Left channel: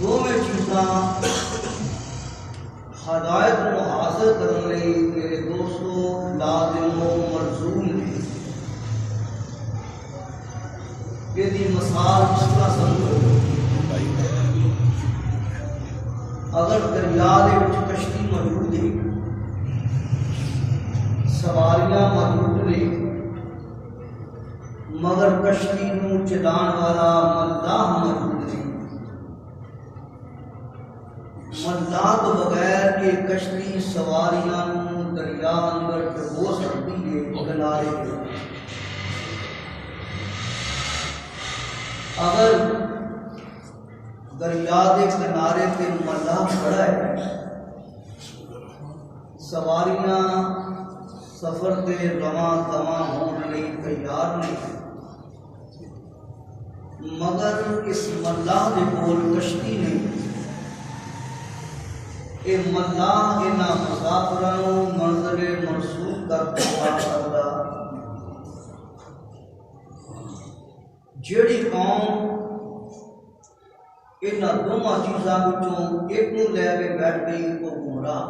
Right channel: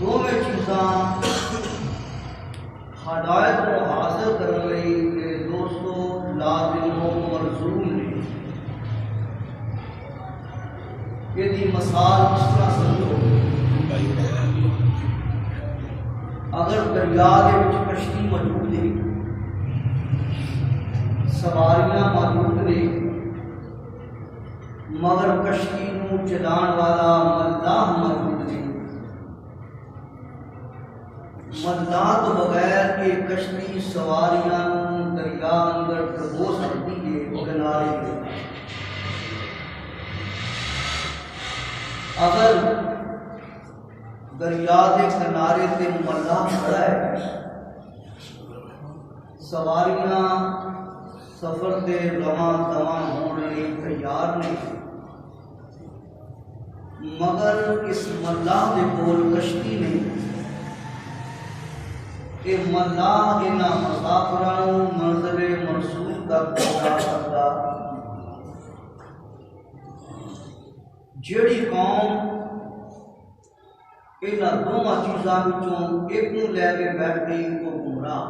دونوں چیزاں ہدایت کو حاصل کرنے لئی میرے دوستو لازم و ملزوم نے۔ یہ مثال اس طرح سمجھو، اگر دریا دے وچ کشتی موجود ہے، سواریاں موجود نے، مگر کشتی نو چلان والا ملاح موجود ہے، ملاح تو بغیر یہ کشتی سواریاں نو دریا اندر ڈبو سکتی ہے کنارے پہ۔ اگر دریا دے کنارے پہ ملاح کھڑا ہے، سواریاں سفر دے رواں دواں ہونے لئی تیار نہیں، مگر اس ملاح دے کول کشتی نہیں۔ اے ملاح انہاں مسافراں نوں منزل مرسول تک پہنچا سکدا۔ جیڑی قوم انہاں دونوں چیزاں وچوں ایک نوں لے کے بیٹھ گئی وہ گمراہ۔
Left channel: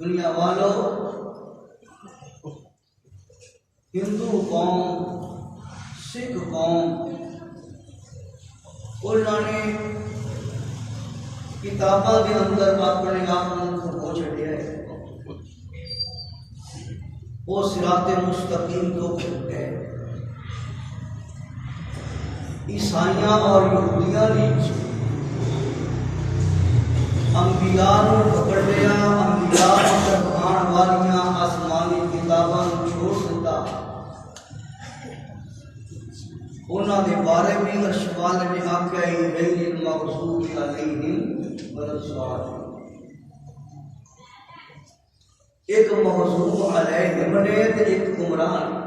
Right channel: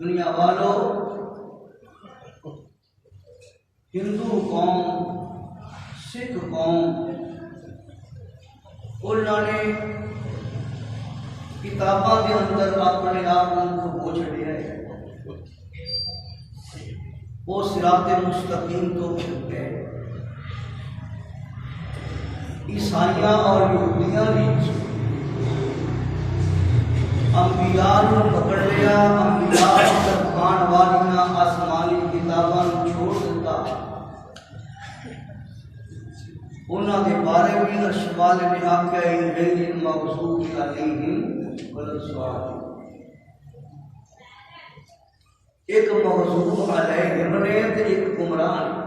دنیا والو، ہندو قوم، سکھ قوم، انہوں نے کتاباں کے اندر اپنے آپ کو کھو چھڑیا ہے، وہ صراط مستقیم تو گئے۔ عیسائیاں اور یہودیاں نے انبیاء نو پکڑ لیا، انبیاء تک آن والیاں آسمانی کتاباں چھوڑ دیتا۔ انہاں دے بارے بھی ارشاد نے آکھیا غیر المغضوب علیہم ولا الضالین۔ ایک مغضوب علیہم نے تے ایک گمراہ نے۔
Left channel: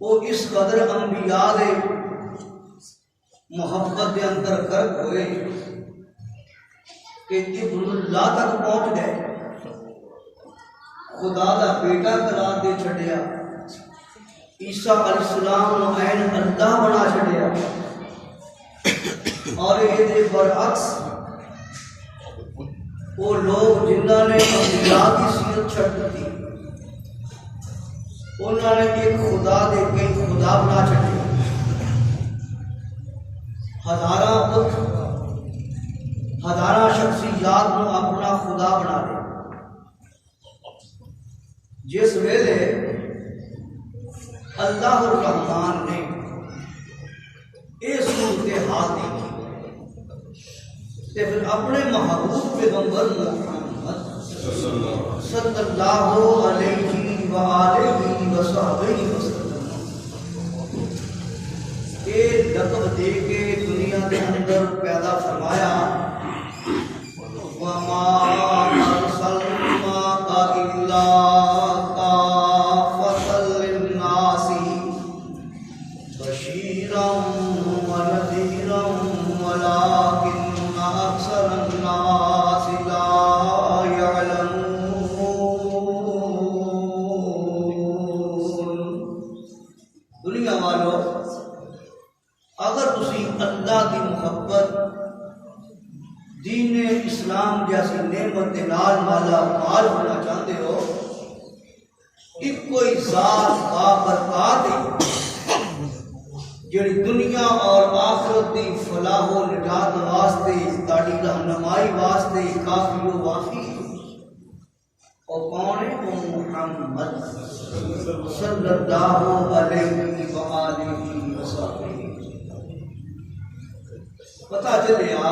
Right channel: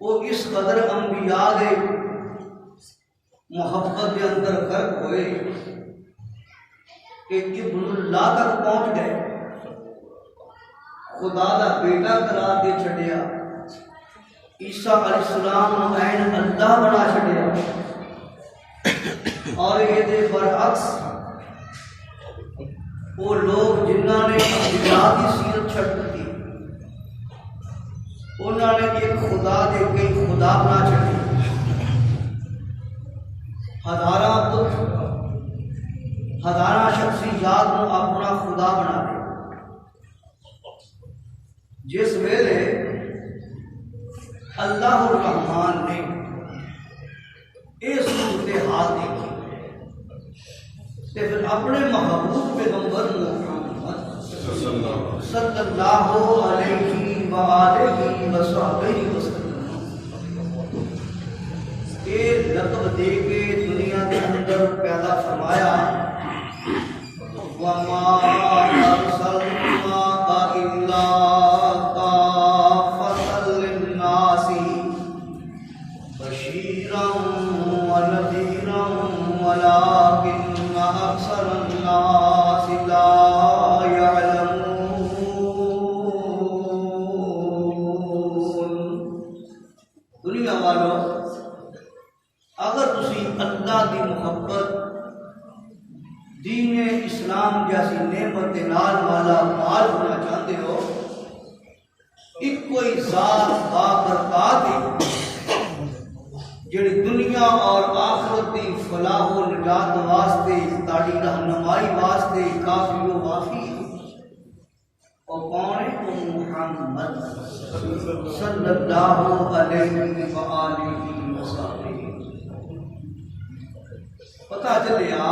وہ اس قدر انبیاء دے محبت دے اندر غرق ہوئے کہ ابن اللہ تک پہنچ گئے، خدا دا بیٹا قرار دے چھڈیا، عیسیٰ علیہ السلام نو عین اللہ بنا چھڈیا۔ اور یہ دے برعکس وہ لوگ جنہاں نے انبیاء کی سیرت چھڈ دی، انہوں نے ایک خدا دے کئی خدا بنا چھڈے، ہزاراں بت، ہزاراں شخصیات نو اپنا خدا بنا لے۔ جس ویلے اللہ الرحمن نے یہ صورتحال دیکھی تے پھر اپنے محبوب پیغمبر محمد صلی اللہ علیہ وآلہ وصحبہ وسلم یہ لقب دے کے دنیا کے اندر پیدا فرمایا، وَمَا أَرْسَلْنَاكَ إِلَّا كَافَّةً لِلنَّاسِ بَشِيرًا وَنَذِيرًا وَلَٰكِنَّ أَكْثَرَ النَّاسِ لَا يَعْلَمُونَ۔ دنیا والو، اگر تسی اللہ دی محبت، دین اسلام جیسی نعمت دے نال والا مال ہونا چاہتے ہو، ایک کوئی ذات بابرکات ہے جڑی دنیا اور آخرت دی فلاح و نجات واسطے، تاڑی رہنمائی واسطے کافی و وافی ہے۔ اور کون ہے؟ وہ محمد صلی اللہ علیہ وآلہ وسلم۔ پتہ چلیا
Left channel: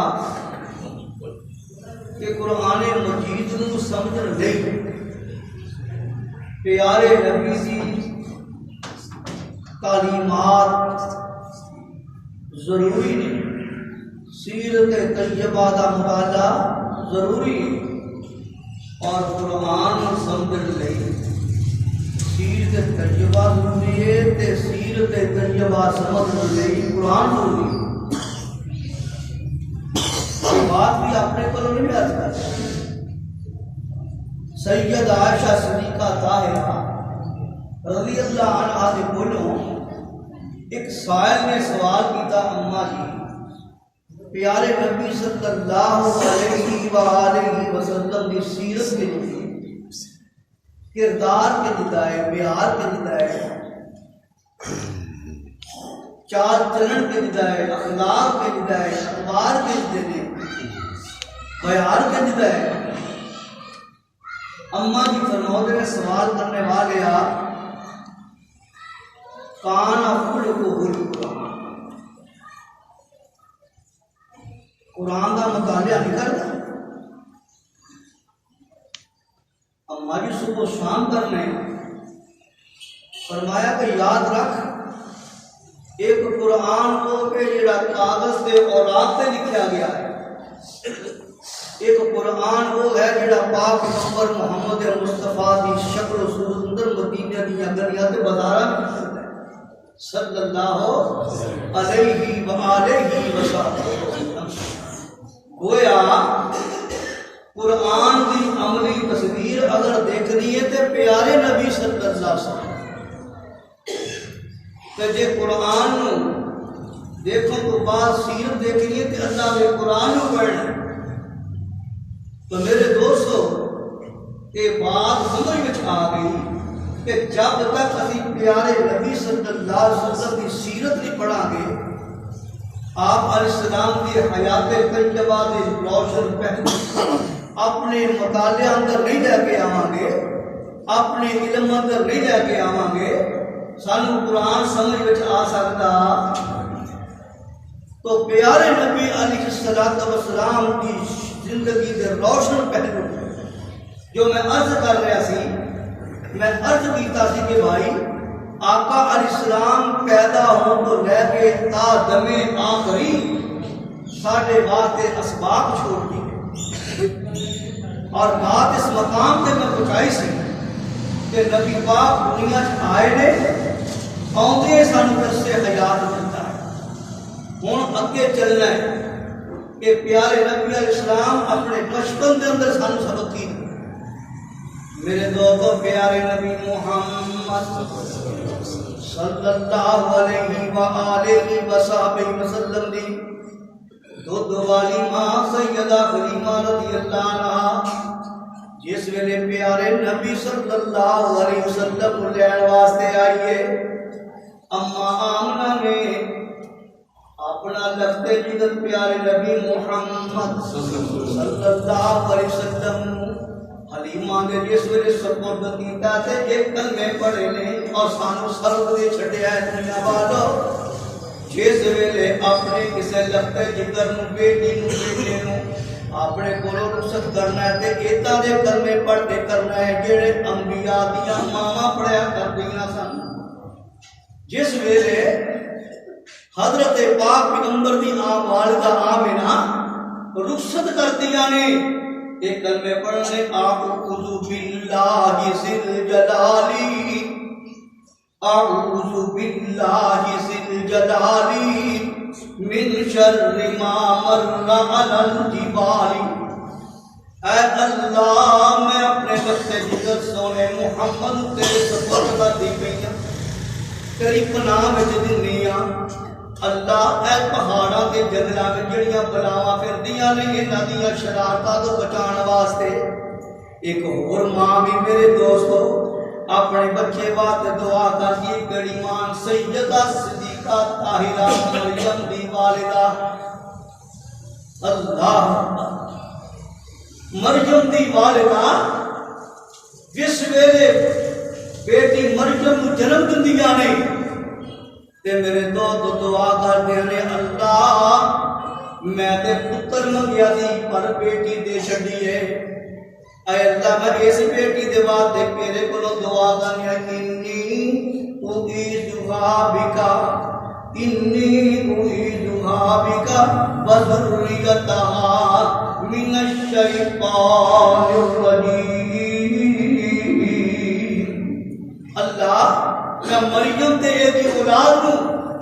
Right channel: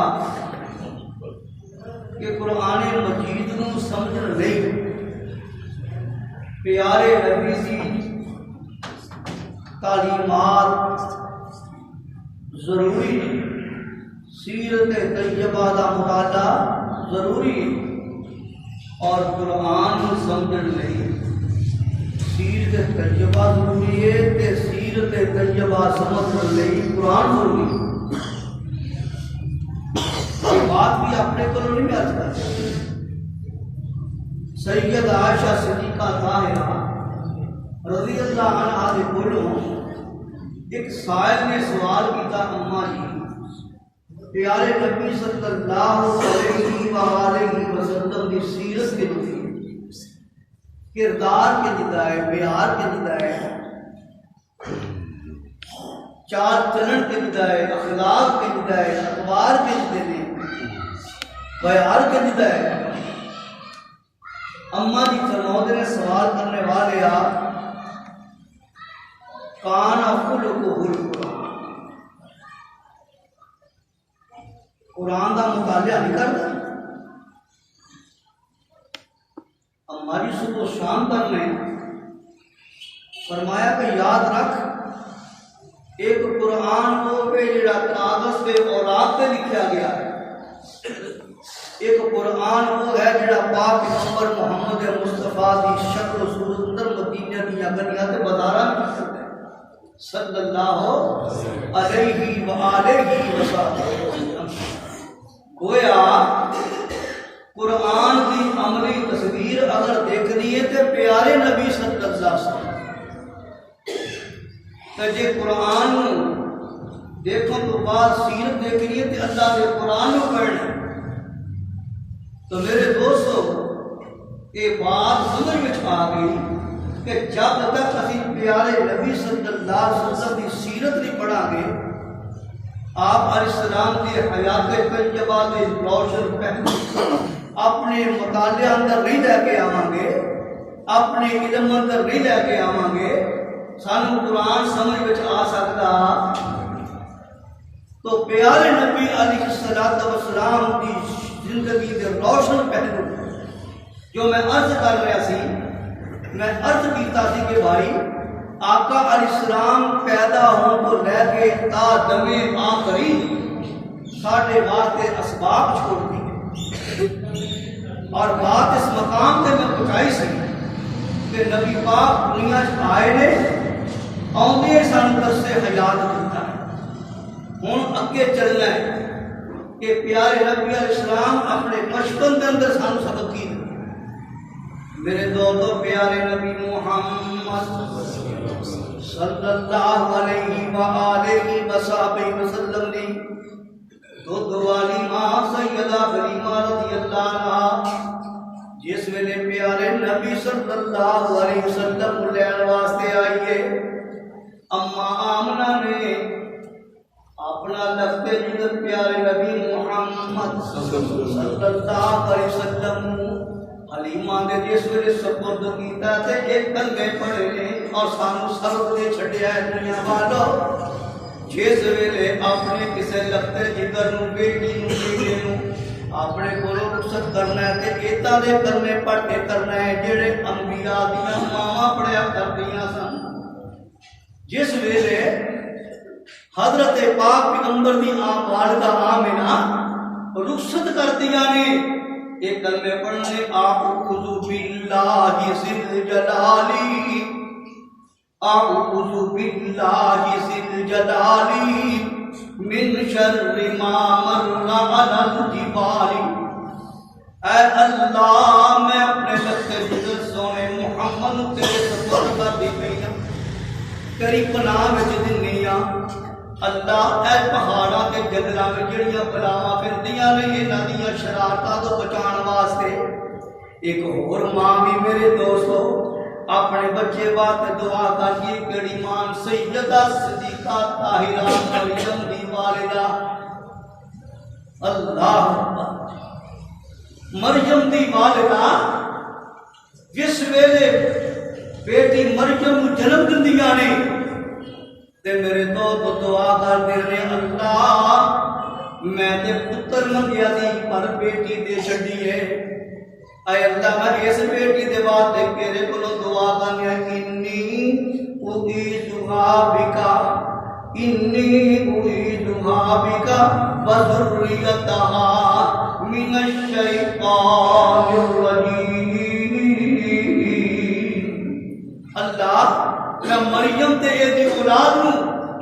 کہ قرآن مجید نو سمجھن لئی پیارے نبی دی تعلیمات ضروری ہے، سیرت طیبہ دا مطالعہ ضروری ہے، اور قرآن سمجھن لئی سیرت طیبہ ضروری ہے تے سیرت طیبہ سمجھن لئی قرآن ضروری ہے۔ یہ بات بھی اپنے کو نہیں بیان کرتا۔ سید عائشہ صدیقہ طاہرہ رضی اللہ عنہا دے کولوں ایک سائل نے سوال کیتا اماں جی پیارے نبی صلی اللہ علیہ وآلہ وسلم دی سیرت کے جدی کردار کے جدائے بیار کے جدائے چال چلن کے جدائے اخلاق کے جدائے اخبار کے جدائے بیار کے جدائے اماں جی فرمود نے سوال کرنے والے آپ کانا خلقہ القرآن قرآن کا مطالعہ نہیں کرتا اماں جی صبح شام کرنے فرمایا کہ یاد رکھ ایک قرآن کو پہ جڑا کاغذ پہ اوراق پہ لکھا گیا ہے ایک قرآن وہ ہے جڑا پاک پیغمبر محمد مصطفیٰ دی شکل و صورت اندر مدینہ دی گلیاں تے بازاراں وچ ہے صلی اللہ علیہ وآلہ وسلم گویا قرآن دی عملی تصویر اگر دیکھنی ہے تے پیارے نبی صلی اللہ علیہ وسلم تے جے قرآن دیکھو تو بعد سیرت دیکھنی ہے تے اللہ دے قرآن کو پڑھنا تو میرے دوستو یہ بات سمجھ میں آ گئی کہ جب تک اسی پیارے نبی صلی اللہ علیہ وسلم کی سیرت نہیں پڑھا گے آپ علیہ السلام کی حیات طیبہ کے روشن پہلو اپنے مطالعہ اندر نہیں لے کے آواں گے اپنے علم اندر نہیں لے کے آواں گے سانو قرآن سمجھ میں آ سکتا تو پیارے نبی علیہ السلام کی زندگی کے روشن پہلو جو میں عرض کر رہا سی میں عرض کیتا سی کہ بھائی آقا علیہ السلام پیدا ہوں تو لے کے تا دم آخری ساڑھے واسطے اسباب چھوڑ دی اور بات اس مقام تے میں پہنچائی سی کہ نبی پاک دنیا آئے نے آؤندے سانو درس حیات دیتا ہے ہوں اگے چلنا ہے کہ پیارے نبی علیہ السلام اپنے بچپن کے اندر سانو سبق کی میرے دوستو پیارے نبی محمد صلی اللہ علیہ وآلہ وسلم دی دودھ والی ماں سیدہ حلیمہ رضی اللہ عنہ جس ویلے پیارے نبی صلی اللہ علیہ وسلم لین واسطے آئیے اما آمنہ نے اپنا لفظ جدت پیارے نبی محمد صلی اللہ علیہ وسلم حلیمہ نے جس ویلے سپرد کیتا تے ایک کلمے پڑھے نے اور سانو سرد دے چھڈیا ہے دنیا والو جس ویلے اپنے کسے لفظ جگر نو بیٹی نو بیٹے نو اپنے کولوں رخصت کرنا ہے تے ایتا دے کلمے پڑھ کے کرنا ہے جڑے انبیاء دیاں ماواں پڑھیا کردیاں سن جس ویلے حضرت پاک پیغمبر دی والدہ آمنہ رخصت کر دیا نے ایک کلمے پڑھنے اعوذ باللہ ذل جلالی اعوذ باللہ ذل جلالی من شر ما مر علی الجبال اے اللہ میں اپنے وقت جگر سونے محمد تیرے سپرد کر دی پئی تیری پناہ وچ دینی اللہ اے پہاڑاں تے جنگلاں وچ جڑیاں بلاواں پھردیاں نے انہاں دیاں شرارتاں تو بچان واسطے ایک اور ماں بھی میرے دوستو اپنے بچے واسطے دعا کرتی گڑی مان سیدہ صدیقہ طاہرہ مریم دی والدہ اللہ مریم دی والدہ جس ویلے بیٹی مریم جنم دندیاں نے تے میرے تو دعا کر دے نے اللہ میں تے پتر منگیا دی پر بیٹی دے چھڈی ہے اے اللہ میں اس بیٹی دے واسطے تیرے کولوں دعا کرنی ہے انی اعیذھا بکا وذریتھا من الشیطان الرجیم اللہ میں مریم تے دی اولاد نو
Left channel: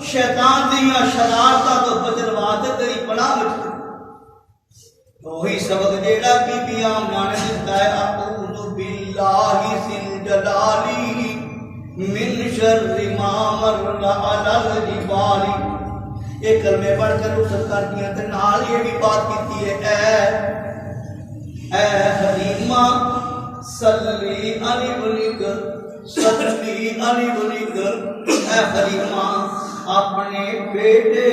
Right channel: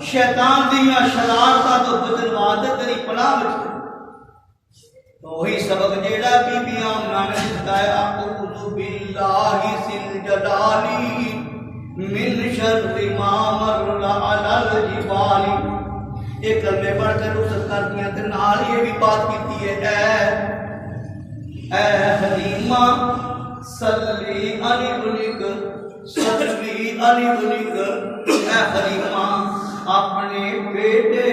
شیطان دیاں شرارتاں تو بچن واسطے تیری پناہ وچ وہی سبق جیڑا بی بی آمنہ نے دتا ہے اعوذ باللہ ذل جلالی من شر ما مر علی الجبال. ایک کلمے پڑھ کر رخصت کر دیا تے نال یہ بھی بات کیتی ہے اے حلیمہ صلی علی ابنک صلی علی ابنک. اے حلیمہ اپنے بیٹے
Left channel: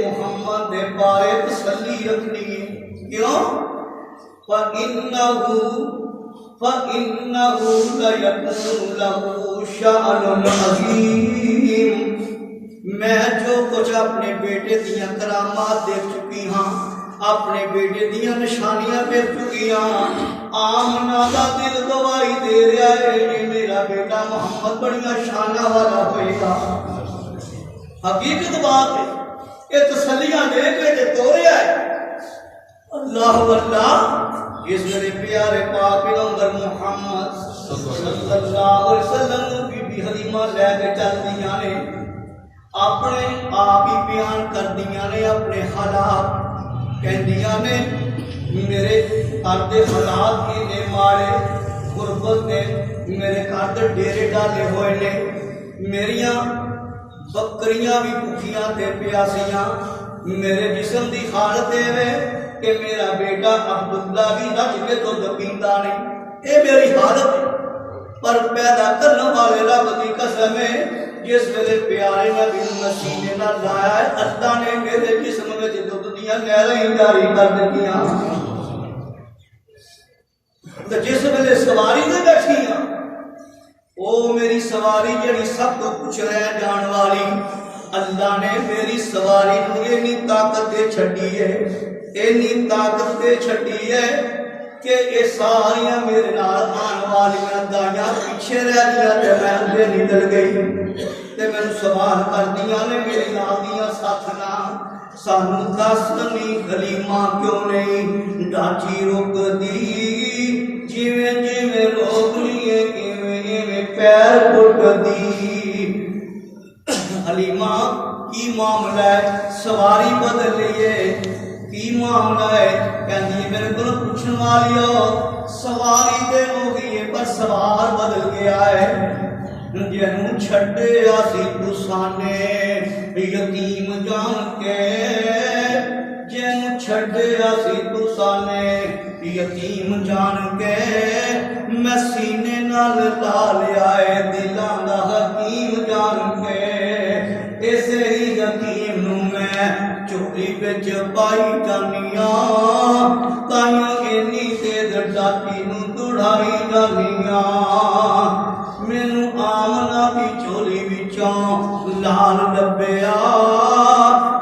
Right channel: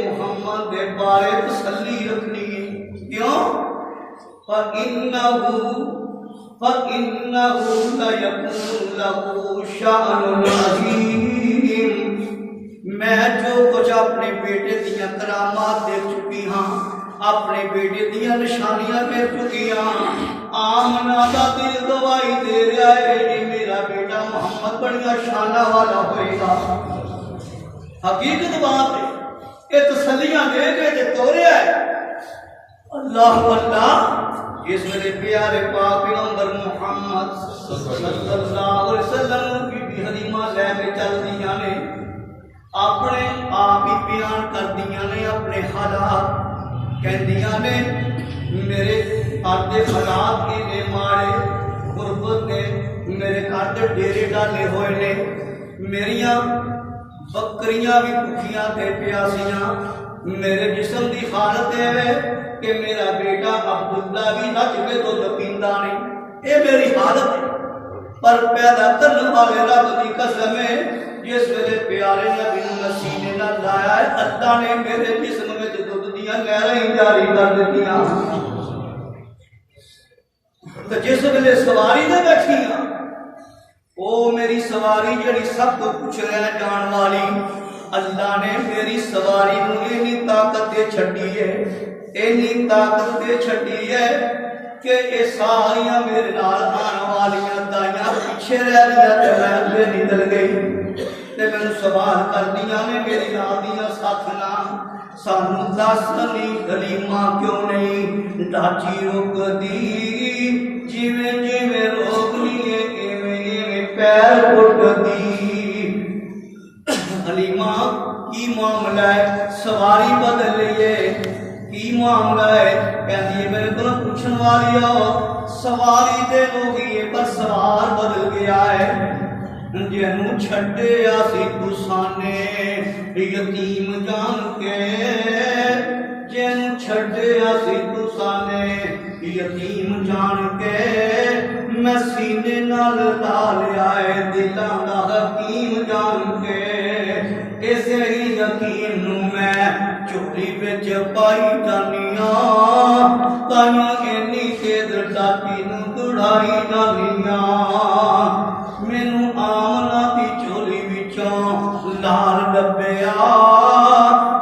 محمد دے بارے تسلی رکھنی ہے. کیوں؟ فَإِنَّهُ لَيَكُونُ لَهُ شَأْنٌ عَظِيمٌ. میں جو کچھ اپنے بیٹے دیاں کرامات دیکھ چکی ہاں, اپنے بیٹے دیاں نشانیاں دیکھ چکی ہاں. آمنہ دا دل گواہی دے رہا ہے یہ میرا بیٹا محمد بڑیاں شانہ والا ہوئے گا. حقیقت بات ہے, یہ تسلیاں دے کے تے توڑیا ہے. اللہ اللہ جس میرے پیارے پاک پیغمبر محمد صلی اللہ علیہ وسلم بی حلیمہ لے کے چل دیاں نے, اپنے آپ ہی بیان کر دیاں نے اپنے حالات. کہندیاں نے میرے گھر دے حالات نے ماڑے, غربت نے میرے گھر دے ڈیرے ڈالے ہوئے نے, میریاں بکریاں بھی بھوکیاں تے پیاسیاں, میرے جسم دی حالت ہے کہ میرا بیٹا عبداللہ بھی نچ کے تو پیندا نہیں. اے میری حالت ہے, پر پیدا کرنے والے رب دی قسم ہے جس ویلے پیارے نبی نو سینے نال لایا ہے اللہ نے میرے جسم وچ دودھ دیاں نہراں جاری کر دتیاں. تے جس ویلے سواری تے بیٹھی ہاں او میری سواری جڑی سب کو کچھ رہ جان والی, اللہ نے میری سواری نو اینی طاقت دے چھڈی ہے, اینی طاقت دے چھڈی ہے کہ یہ ساریاں میرے نال آن والیاں دائیاں پیچھے رہ گیا تے میں بے نکل گئی تے مینوں سوال کر دیاں نے میری نال دیاں ساتھنا سانوں دس نہیں حلیمہ کیوں نہیں ڈاچی روک دی, جویں جویں روکنی ہے ایویں ایویں پیر پٹ دی. حلیمہ کی معاملہ ہے سواری بدل لیے کی معاملہ ہے کہندی ہے میرے کو پوچھن والی ہو سواری دے ہو گئی ہے پر سوار بدل گیا ہے. جنوں چھڈیا سی تسانے یتیم جان کے, جنوں چھڈیا سی تسانے یتیم جان کے, میں سینے نال لا لیا ہے دلاں دا حکیم جان کے. اسے ہی یتیم نو میں چولی وچ پائی جانیاں, تائیاں اینی تیز ڈاٹی نو دڑائی جانیاں. مینوں آمنہ دی چولی وچوں لال لبیا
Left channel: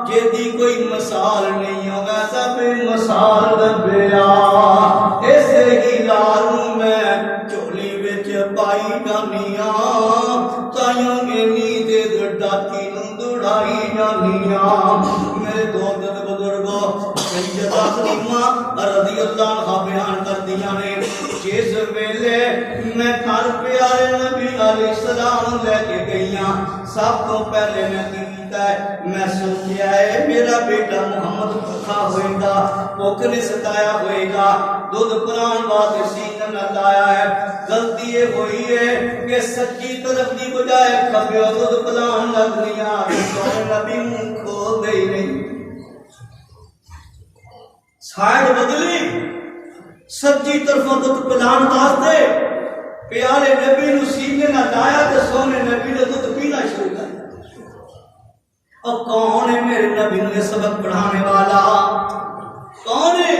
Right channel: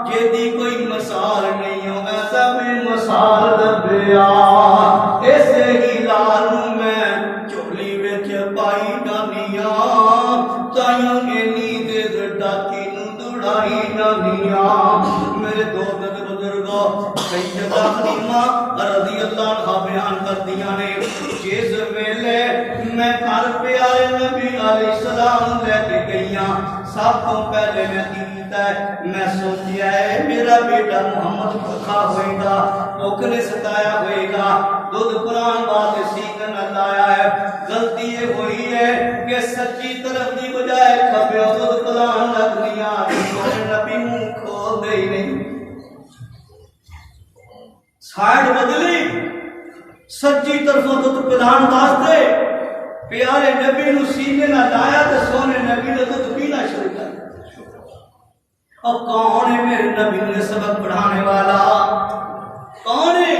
جیدی کوئی مثال نہیں ہو ایسا بے مثال لبیا. اسے ہی لال نو میں چولی وچ پائی جانیاں, تائیاں اینی تیز ڈاٹی نو دڑائی جانیاں. میرے دوست بزرگوں سیدہ حلیمہ رضی اللہ عنہا بیان کر دیا نے جس ویلے میں گھر پیارے نبی علیہ السلام لے کے گئیاں سب تو پہلے میں کیتا ہے میں سوچیا ہے میرا بیٹا محمد بھوکا ہوئے گا, بھوک نے ستایا ہوئے گا, دودھ پران بات سینے نہ لایا ہے. غلطی یہ ہوئی ہے کہ سچی طرف دی بجائے کھبیو دودھ پلان لگ لیا, نبی منہ کھول دے ہی نہیں, سائڈ بدلی سچی طرف دودھ پلان واسطے پیارے نبی نو سینے نہ لایا تے سونے نبی نے دودھ پینا شروع کر. اب کون ہے میرے نبی نے سبق پڑھانے والا, کون ہے؟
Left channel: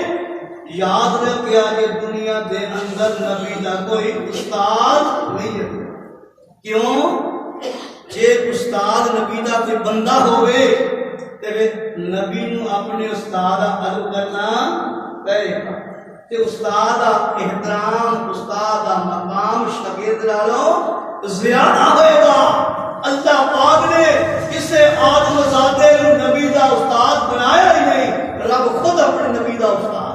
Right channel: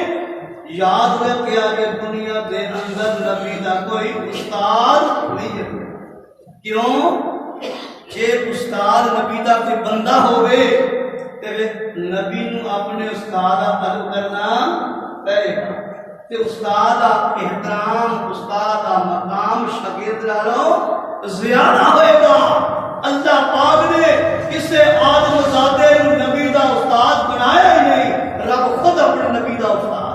یاد رکھیا یہ دنیا دے اندر نبی دا کوئی استاد نہیں ہے. کیوں؟ جے استاد نبی دا کوئی بندہ ہوئے تے نبی نو اپنے استاد ادب کرنا پہے گا, تے استاد دا احترام استاد دا مقام شاگرد نالوں زیادہ ہوئے گا. اللہ پاک نے کسے آدم زادے نو نبی دا استاد بنایا ہی نہیں, رب خود اپنے نبی دا استاد.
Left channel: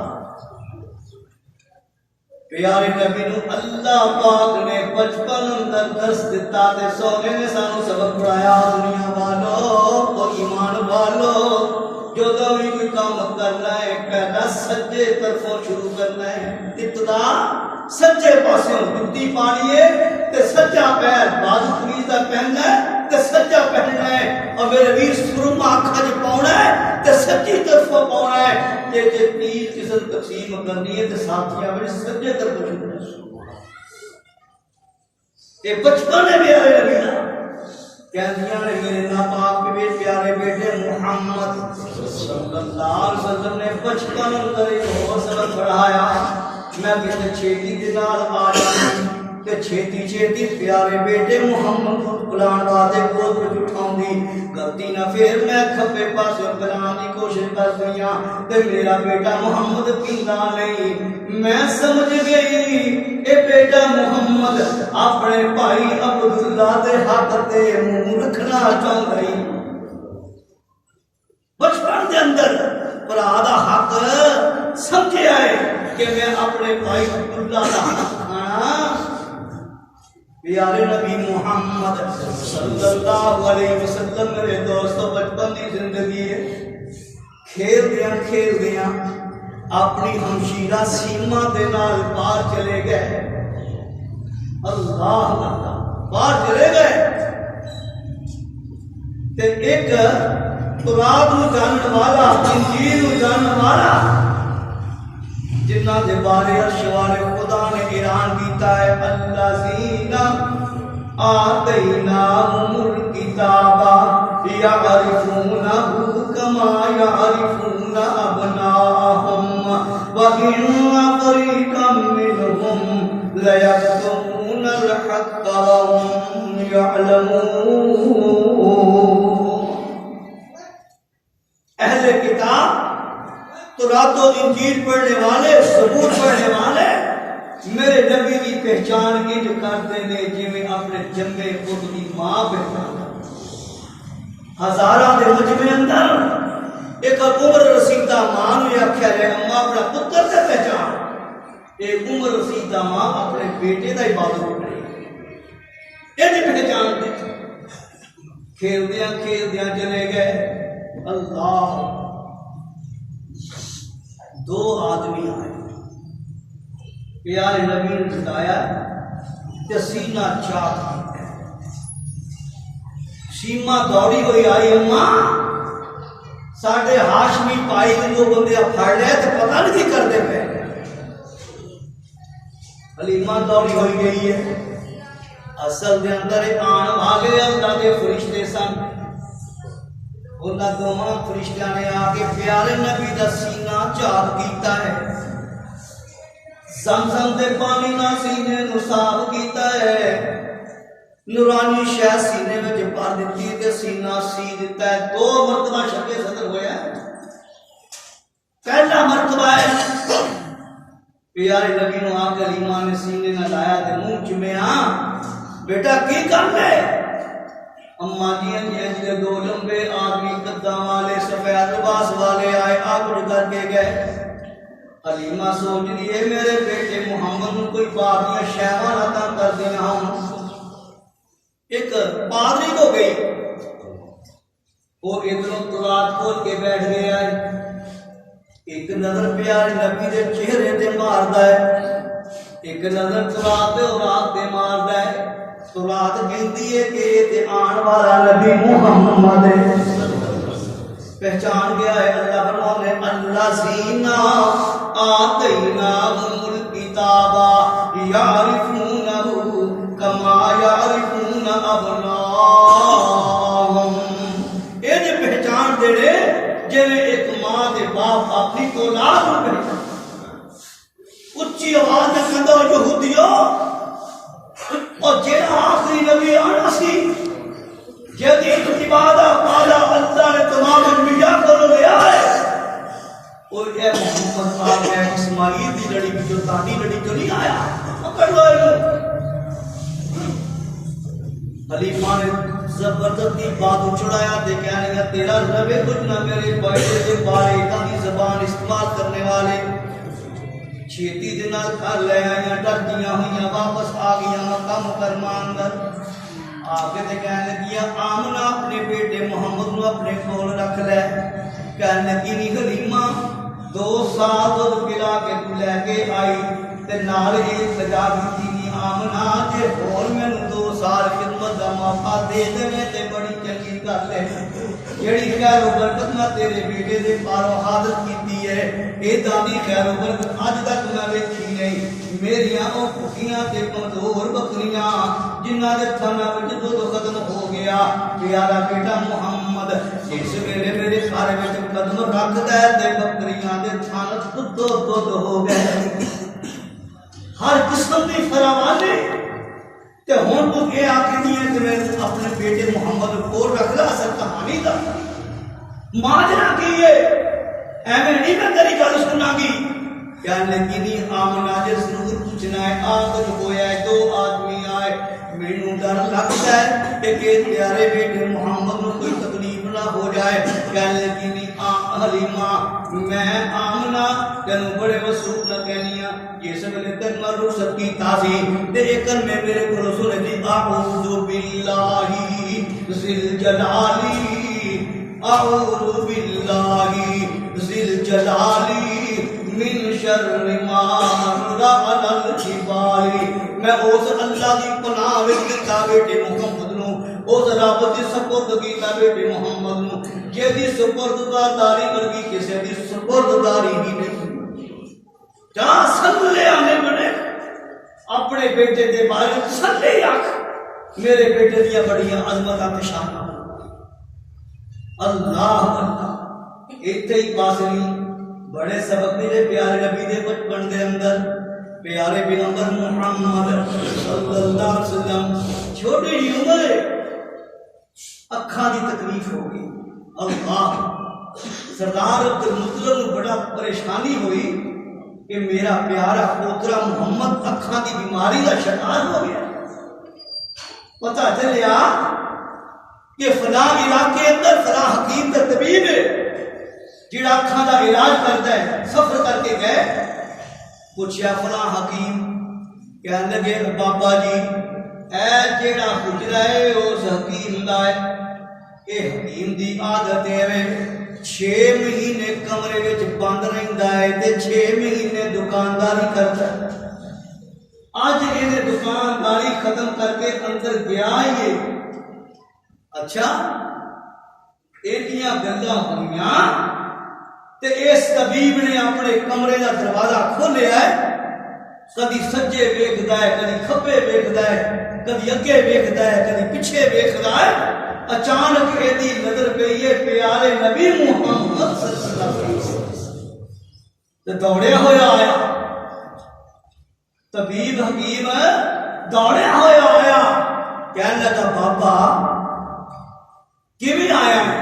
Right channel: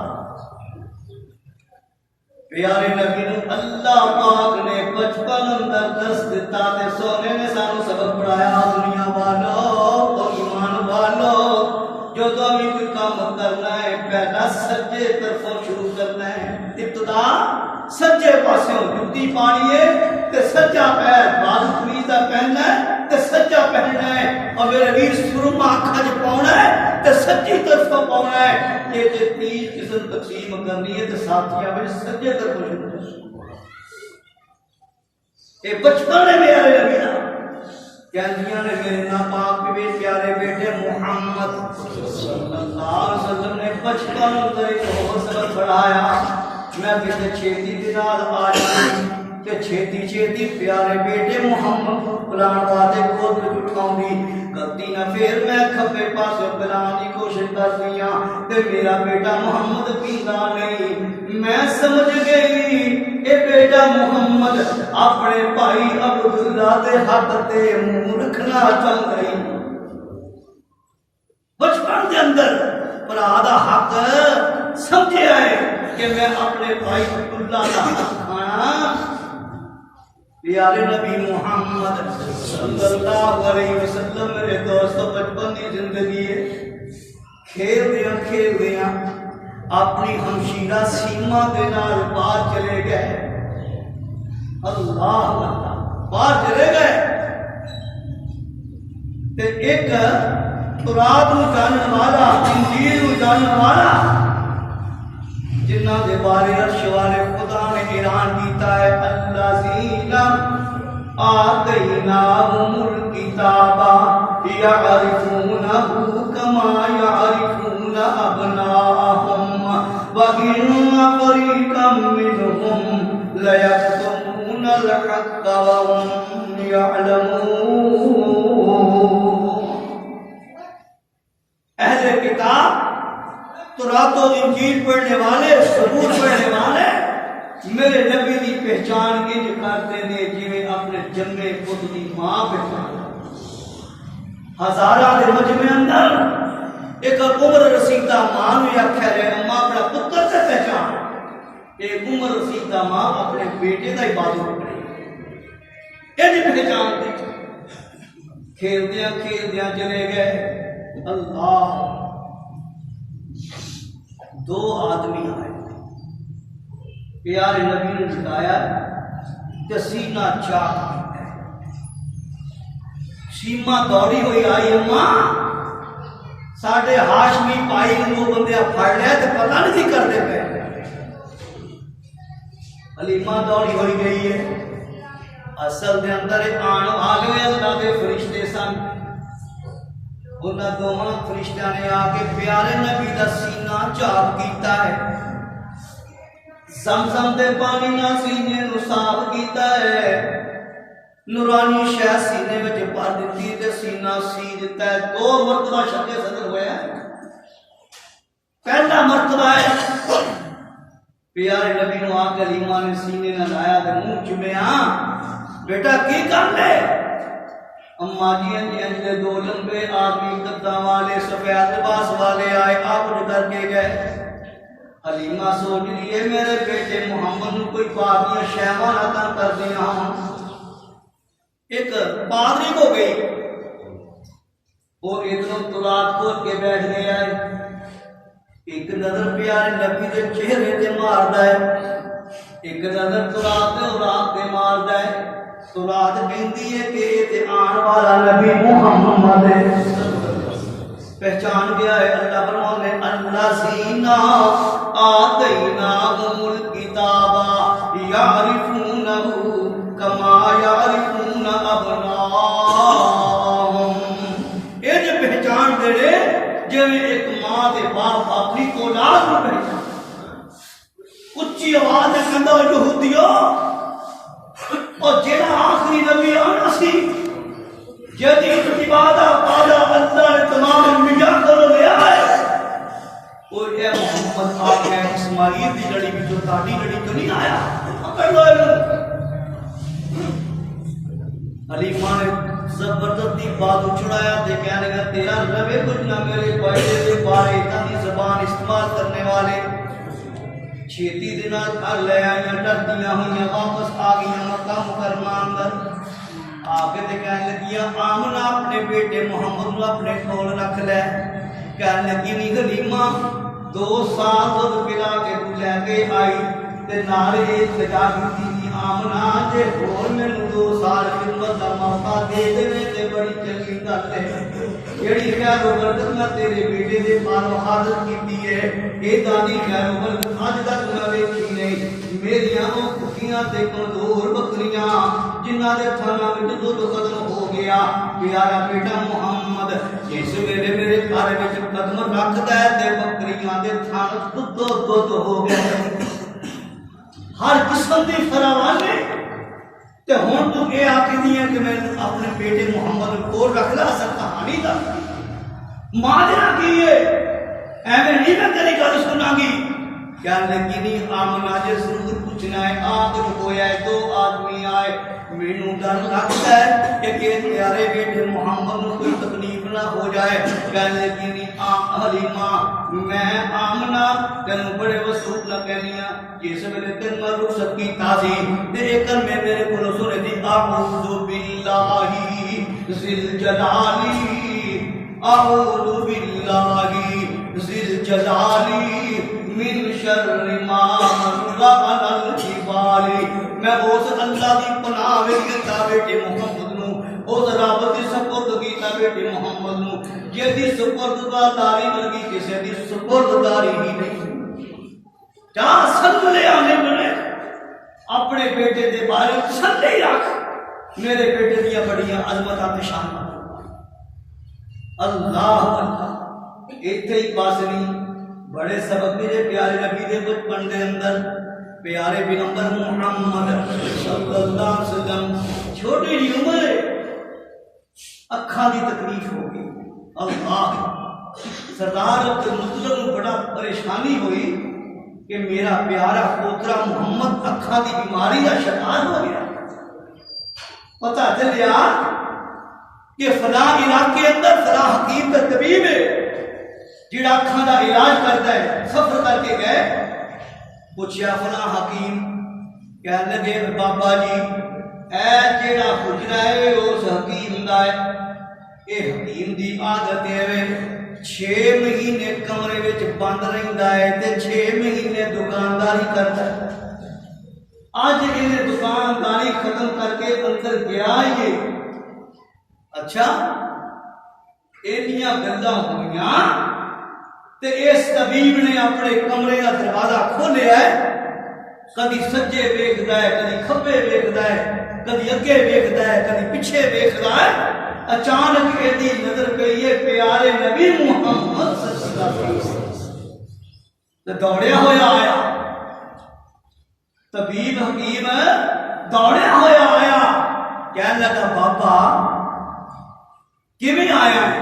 پیارے نبی نو اللہ پاک نے بچپن اندر درس دیتا تے سونے نے سانو سبق پڑھایا دنیا والو تو ایمان والو جو تو بھی کوئی کام کرنا ہے پہلا سجے طرفوں شروع کرنا ہے. ابتدا سجے پاسوں جُتی پانی ہے تے سجا پیر بازو خرید سیدھا پہننا ہے تے سجا پہننا ہے، اور میرے ویر سرما اکھاں وچ پاؤنا ہے تے سجی طرفوں پاؤنا ہے۔ کہ جے 30 قسم تقسیم کرنی ہے تے ساتھیاں وچ سجے طرفوں شروع کرو۔ یہ بچپن ہے میرے نبی دا، کہندیاں نے میرے ناپاک پیارے بیٹے محمد صلی اللہ علیہ وسلم نے بچپن اندر ہو سبق پڑھایا، میں کسی چھیتی کے نال آ جاؤں کہ چھیتی چھیتی پیارے بیٹے محمد کو پلان واسطے پوتر اٹھاؤں دی غلطی نہ، پھر میں کھبے پاسے پلان دی کوشش کر دیا تے میرا بیٹا محمد پیندا نہیں۔ میں سمجھ گئی اے بیٹا محمد اپنے بھائی عبداللہ دے حق تے منہ رکھنا چاہتا ہے۔ بچپن دے اندر بھرا دا حق سمجھیا ہے کہ میں اپنے بھائی عبداللہ دا حق کھانا۔ پیارے نبی محمد صلی اللہ علیہ وسلم میرے دوستو بچپن کی زندگی ہے، کھیل دیاں اپنی ہمشیرہ سیما دے نال باہر چلے گئے۔ اللہ باہر چلے گئے تے ایک تورات نو جانن والا، انجیل نو جانن والا، جنہ دے بارے عرش والے خدا نے اعلان کیتا ہے الذین آتیناہم الکتاب یعرفونہ کما یعرفون ابناءہم وَإِنَّ فَرِيقًا مِّنْهُمْ لَيَكْتُمُونَ الْحَقَّ وَهُمْ يَعْلَمُونَ۔ اہل کتاب، تورات و انجیل پڑھنے والے، زبور پڑھنے والے میرے نبی کی پہچان انج کرتے ہیں جویں اپنے جمے پت کی ماں پہچان۔ ہزاراں دے مجمع اندر ایک عمر رسیدہ ماں نوں آکھیا جائے اماں اپنا پتر تے پہچان، ایک عمر رسیدہ ماں اپنے بیٹے دا عبادت کرے انج پہچان دے۔ کھیلدیاں کھیلدیاں چلے گئے، اللہ دو آدمی آئے، پیارے نبی نے بتایا کہ سینہ چاک کیتا ہے۔ سیما دوڑی ہوئی آئی، اماں ساڈے ہاشمی پائی کو بندے پھڑ لیا تو پتہ نہیں کی کرتے پے۔ حلیمہ دوڑی ہوئی گئی ہے، اصل دے اندر آن والے اللہ دے فرشتے سن، انہاں دونوں فرشتیاں نے آ کے پیارے نبی دا سینہ چاک کیتا ہے، زمزم دے پانی نال سینے نو صاف کیتا ہے، نورانی شہ سینے وچ بھر دتی تے سینہ سی دتا ہے۔ دو مرتبہ شق صدر ہویا، پہلا مرتبہ ہے پیارے نبی نو آ کے حلیمہ نے سینے نہ لایا تے منہ چومیا، بیٹا کی کر لے؟ اماں جی انج دے دو لمبے آدمی قداں والے سفید لباس والے آئے، آپ کر کے گئے۔ حلیمہ سوچ لیے میرے بیٹے محمد نو کوئی بادیاں شہوان عطا کر دیا ہوں۔ ایک پادری کو گئی، وہ ادھروں تورات کھول کے بیٹھ گیا ہے، ایک نظر پیارے نبی دے چہرے تے ماردا ہے، ایک نظر تورات تے اورات تے ماردا ہے۔ تورات کہندی ہے کہ تے آن والا نبی محمد پہچان گیا ہے۔ اللہ فرمانے الذین آتیناہم الکتاب یعرفونہ کما یعرفون ابناءہم، انج پہچان دے رہے جویں ایک ماں دے باپ اپنی اولاد کو پہچان۔ اچھی آواز میں کہندا یہودیو، اور جیڑا آخری نبی آنا سی جدید عبادہ پالا اللہ نے تمام انبیاء کو لیا ہے، وہ اے محمد آ گیا اسماعیل دی لڑی بھی جو تاڑی لڑی جو نہیں آیا، پکڑ لو انہوں۔ حلیمہ نے زبردستی بات اچھڑایا تے کہنے لگا تیرا رب کچھ نہ میرے بیٹے دے بارے اتنی زبان استعمال کرنے والے چھیتی دے نال گھر لے آئیاں، ڈردیاں ہوئیاں، واپس آ گئیاں مکہ مکرمہ اندر آگے تے کہنے لگیا آمنہ اپنے بیٹے محمد نو اپنے کول رکھ لے۔ کہنے لگی نہیں حلیمہ 2 سال دودھ پلا کے تو لے کے آئی تے نال یہ سجا دیتی آمنہ جے ہور مینوں 2 سال خدمت دا موقع دے دے تے بڑی چنگی گل ہے جیڑی خیر و برکت نہ تیرے بیٹے دے پاروں حاضر کیتی ہے اے دادی خیر و برکت اج تک نہ دیکھی نہیں میریاں او بھکیاں تے کمزور بکریاں جنہاں دے تھناں وچ دودھ ختم ہو گیا پیارا بیٹا محمد جس ویلے میرے گھر وچ قدم رکھدا ہے تے بکریاں دے تھن دودھ ہو گئے ہر قسم دی فراوانی تے ہن تو اے آکھدی ہے کہ میں اپنے بیٹے محمد کو رکھ لا اصل کہانی دا ماجرا کی ہے ایویں نہیں میں تیری گل سنا گی کہنے لگی نہیں آمنہ جے ضرور پوچھنا ہے آخر ہویا ہے 2 آدمی آئے مینوں ڈر لگتا ہے کہ پیارے بیٹے محمد نو کوئی تکلیف نہ ہو جائے کہنے لگی نہیں حلیمہ میں آمنہ تینوں بڑے وسوخ نہ کہنیاں جس ویلے تین میں رخصت کیتا سی تے ایک میں میرے کو سنے دی اعوذ باللہ ذل جلالی اعوذ باللہ ذل جلالی من شر ما رعل الجبال میں اس اللہ دی پناہ وچ کیتا بیٹے محمد نو اس رب دی سپرد کیتا بیٹے محمد نو جے دی سپرداری ورگی کسے دی سپرداری ہی نہیں جہاں سلے آنے بنے اپنے بیٹے دے بارے سلے رکھ میرے بیٹے دیا بڑیاں عظمتاں شان اللہ اللہ ایتھے ہی پاس نہیں بڑے سبق میرے پیارے نبی دے بچپن دے اندر پیارے پیغمبر محمد صلی اللہ علیہ وسلم چھوٹی جی عمر ہے اکھاں دی تکلیف ہو گئی اللہ سردار عبد المطلب کو بڑا پریشانی ہوئی کہ میرا پیارا پوترا محمد اکھاں دی بیماری کا شکار ہو گیا پتہ چلیا کہ فلاں علاقے اندر فلاں حکیم تے طبیب ہے جڑا اکھاں دا علاج کرتا ہے سفر کر کے گئے پوچھیا فلاں حکیم کہنے لگے بابا جی اے جڑا حجرا ہے اس حکیم دا ہے اے حکیم دی عادت ہے 6 مہینے کمرے وچ بند رہندا ہے تے 6 مہینے دکانداری کرتا ہے اج اینے دکانداری ختم کر کے اندر گیا ہی اچھا اینیاں گلاں ہوئیاں تے اس طبیب نے اپنے کمرے کا دروازہ کھولیا ہے کدی سجے ویکھدا ہے کدی کھبے ویکھدا ہے کدی اگے ویکھدا ہے کدی پیچھے ویکھدا ہے اچانک ایدی نظر پئی ہے پیارے نبی محمد صلی اللہ علیہ وسلم تے دوڑیا ہویا آیا طبیب حکیم دوڑیا ہویا آیا کہنے لگا بابا کیویں آیا ہے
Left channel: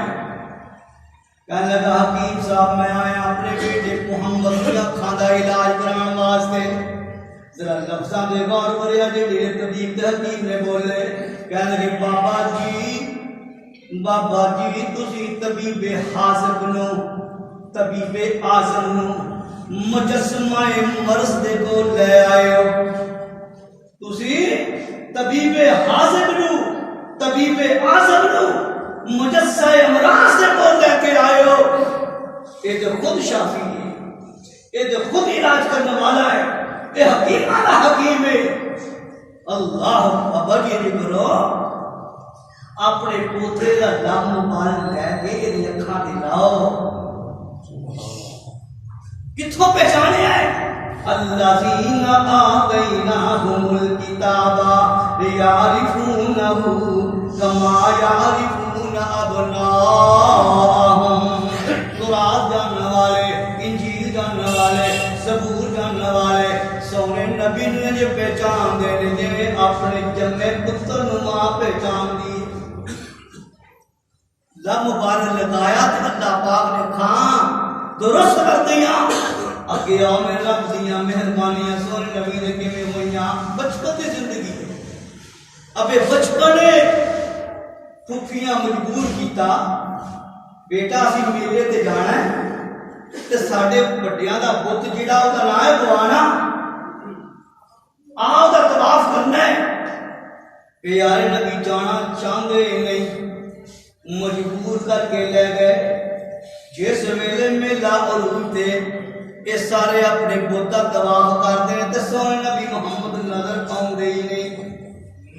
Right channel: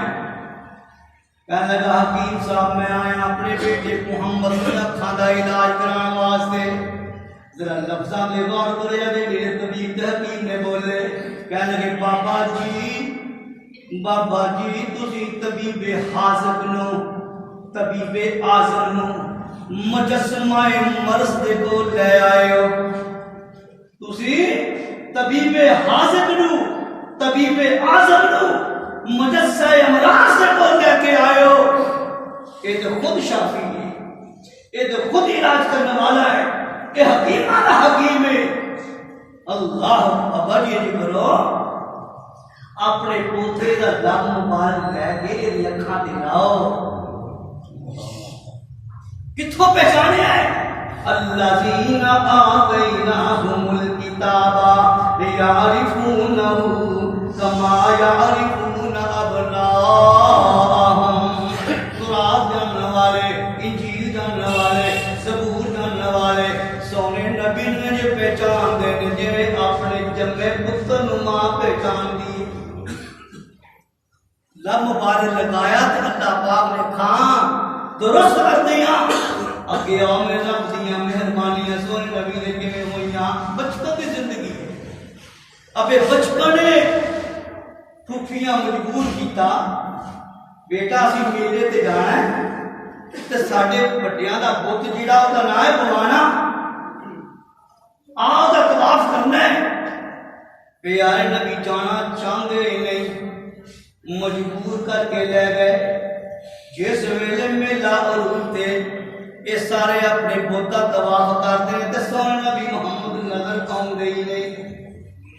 کہنے لگا حکیم صاحب میں آیا اپنے بیٹے محمد کی اکھاں دا علاج کران واسطے ذرا لفظاں دے غور کریا جے طبیب تے حکیم نے بولے کہنے لگے بابا جی تسی طبیب حاذق نو طبیب اعظم نو مجسمہ مرض دے کو لے آئے ہو تسی طبیب حاذق نو طبیب اعظم نو مجسہ امراض سے کو لے کے آئے ہو یہ تو خود شافی ہے یہ تو خود علاج کرنے والا ہے یہ حکیم آنا حکیم ہے اللہ ابا جی کرو اپنے پوترے کا لب مبارک لے کے یہ اکھاں دکھاؤ کتھوں پہچانے آئے الذین آتیناہم الکتاب لیعرفونہ کما یعرفون ابناءہم قرآن جاننے والے انجیل جاننے والے زبور جاننے والے سونے نبی نے جو پہچان دے جو اپنے جمع پتر نما پہچان دی لب مبارک لگایا تے اللہ پاک نے کھان درست کر دیا اگے آؤ میں رب دیا مہربانیاں سونے نبی نے کیویں ہوئیاں بچپن دی زندگی ابے بچپنے پھوپھیاں مجبور کیتا بیٹا اسی میلے تے جانا ہے تے ساڈے بڑیاں دا بت جیڑا او دا نام ہے بوانا آؤ دا طواف کرنا ہے پیارے نبی جانا چاہندے ہی نہیں مجبور کر کے لے گئے جس ویلے میلا عروج تے یہ سارے اپنے بت دا طواف کرتے ہیں تے سونے نبی محمد نظر آؤندے ہی نہیں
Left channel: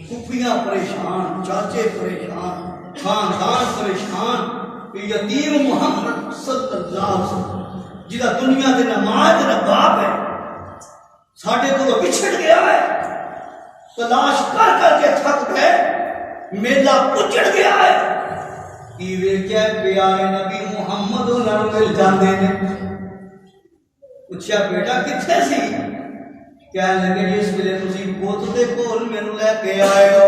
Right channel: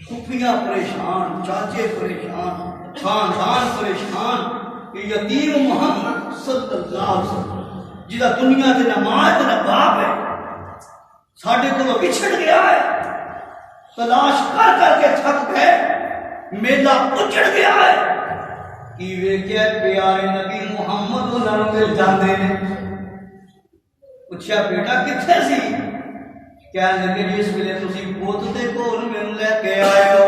پھپھیاں پریشان، چاچے پریشان، خاندان پریشان کہ یتیم محمد صلی اللہ علیہ وسلم جہاں دنیا کے نہ ماں تے نہ باپ ہے ساڈے کو بچھڑ گیا ہے، تلاش کر کر کے تھک گئے، میلہ اجڑ گیا ہے کہ ویکھیا پیارے نبی محمد انہاں نوں مل جاندے نے۔ پوچھا بیٹا کتھے سی؟ کہنے لگے جس ویلے تسی بت دے کول مینوں لے کے آئے ہو،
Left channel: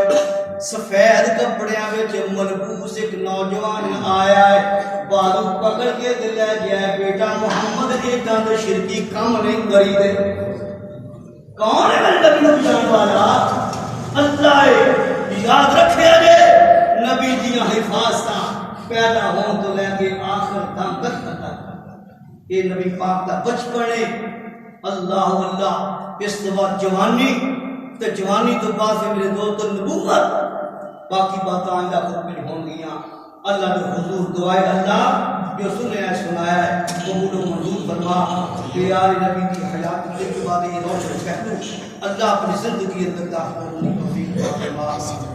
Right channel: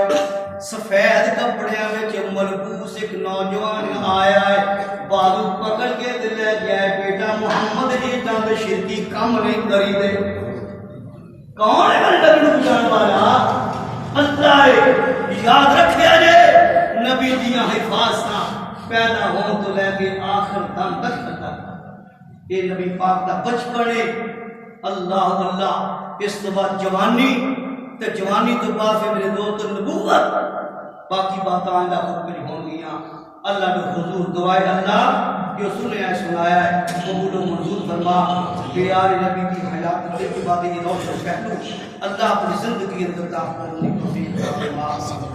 سفید کپڑیاں وچ ملبوس ایک نوجوان آیا ہے، بالو پکڑ کے تے لے گیا ہے، بیٹا محمد ایڈاں تے شرکی کم نہیں کری دے۔ کون ہے میرے نبی نوں جان والا؟ اللہ ہے، یاد رکھیا جے نبی دیاں حفاظتاں پیدا ہون تو لے کے آخر دم تک یہ نبی پاک دا بچپن ہے۔ اللہ اللہ، اس تو بعد جوانی، تے جوانی تو بعد سے میرے دوست نبوت، باقی باتیں آئندہ خود میں ہوں گیاں۔ اللہ نے حضور دعائے اللہ جو سنے ہے سنایا ہے قبول و منظور فرما، پیارے نبی کی حیات کے بعد یہ روشن پہلو اللہ اپنی زندگی اندر داخل ہونے کی توفیق عطا فرما۔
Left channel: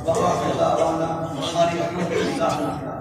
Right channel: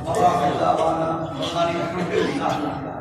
وآخر دعوانا ان الحمد للہ۔